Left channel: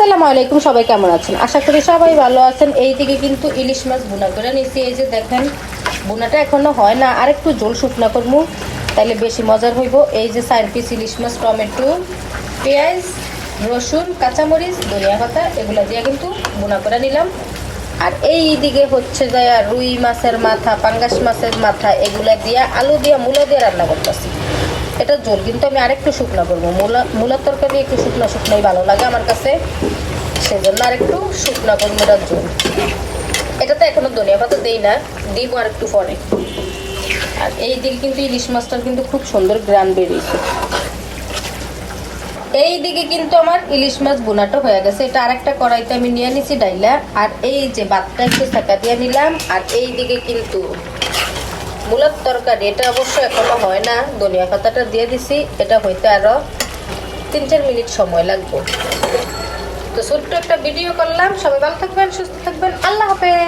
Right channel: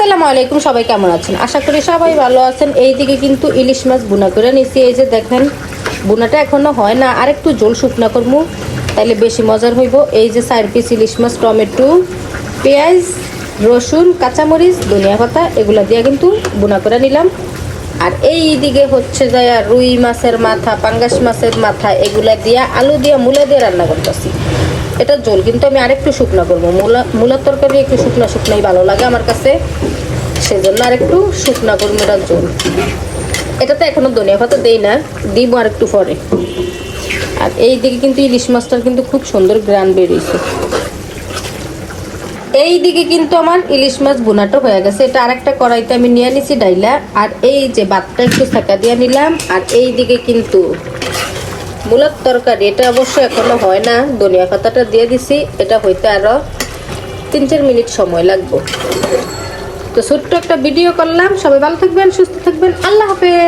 আসসালামু আলাইকুম, সবাই কেমন আছেন? আশা করি সবাই ভালো আছেন। এইদিকে কিন্তু ইলিশ মাছ বুনা করে নিছি। এই যে দেখেন, বুনাটা এখনো হয় না, আর একটু ঝোল শুকনা করবো, তাহলে বেশি মজার হইব। এই যে 4 পিস ইলিশ মাছ, টমেটো, পেঁয়াজ, রসুন, কাঁচামরিচ, ধনিয়া পাতা এগুলো দিয়ে কিন্তু বুনা করে নিলাম। আর এই দিকে হচ্ছে যায় রুই মাছের মাথা, পাঙ্গাস মাছের মাথা, এগুলা দিয়ে আলু দিয়ে মূলা দিয়ে রান্না করতেছি। এটা ঝোল কিন্তু আমি আরেকটু শুকনো করবো। মূলার তরকারি একটু শুকনো শুকনোই ভালো লাগে আমার কাছে, সেজন্য আরেকটু শুকনো করবো এটার ঝোল। এটাতে এখনো ধনিয়া পাতা দেই না, দিব আর একটু পরে। আর এই দিকে কিন্তু ইলিশ মাছটার কিন্তু খুব সুন্দর গ্রান বেরিয়েছে। এই দিকে কিন্তু আমার ইলিশ মাছ বোনাটা হয়ে গেছে। এটা আরেকটা কড়াইতে আমি নিয়ে নিছি ডাইলা। আর এই যে ভাতটা একটু ছাকা দিয়ে নিলাম। আর এই দিকে কিন্তু মূলার তরকারি, এটা অবশ্য এখনো হয় না, ধনিয়া পাতাটা দিয়ে দিছি। এটা হইতে আরো 3-4 মিনিট সময় লাগবে। তো ছোট্ট একটা ভিডিও করলাম। সবাই ভালো থাকবেন, সুস্থ থাকবেন, আল্লাহ হাফেজ।